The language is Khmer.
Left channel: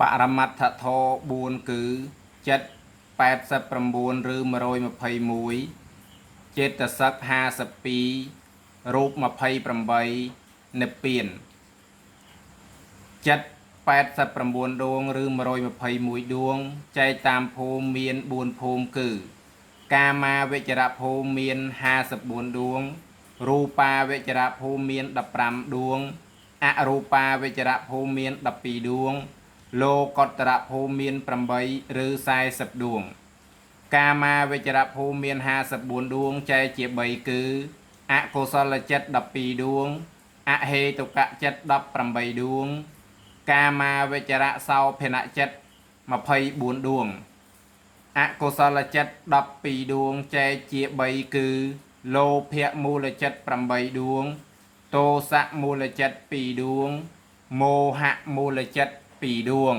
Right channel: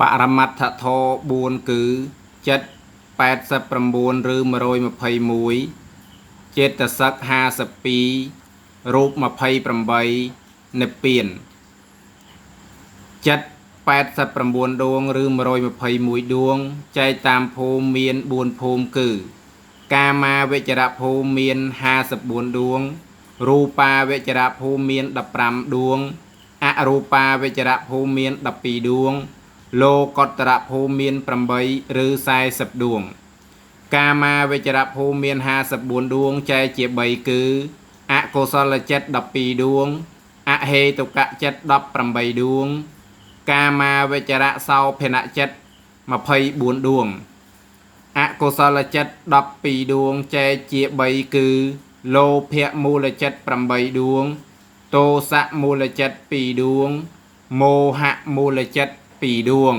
បរមត្ថធម៌4គឺចិត្ត89ឬ121ចេតសិក52រូប28និព្វានចិត្ត89ដួងឬ121ដួងចែកតាមភូមិមាន4ភូមិគឺកាមាវចរភូមិមាន54ដួងរូបាវចរភូមិមាន15ដួងអរូបាវចរភូមិមាន12ដួងលោកុត្តរភូមិមាន8ឬ40ដួងកាមាវចរភូមិមាន54ដួងចែកជា3គឺអកុសលចិត្ត12ដួងអហេតុកចិត្ត18ដួងកាមាវចរសោភនចិត្ត24ដួងអកុសលចិត្ត12ដួងចែកជា3គឺលោភៈមូលចិត្ត8ដួងទោសៈមូលចិត្ត2ដួងមោហៈមូលចិត្ត2ដួង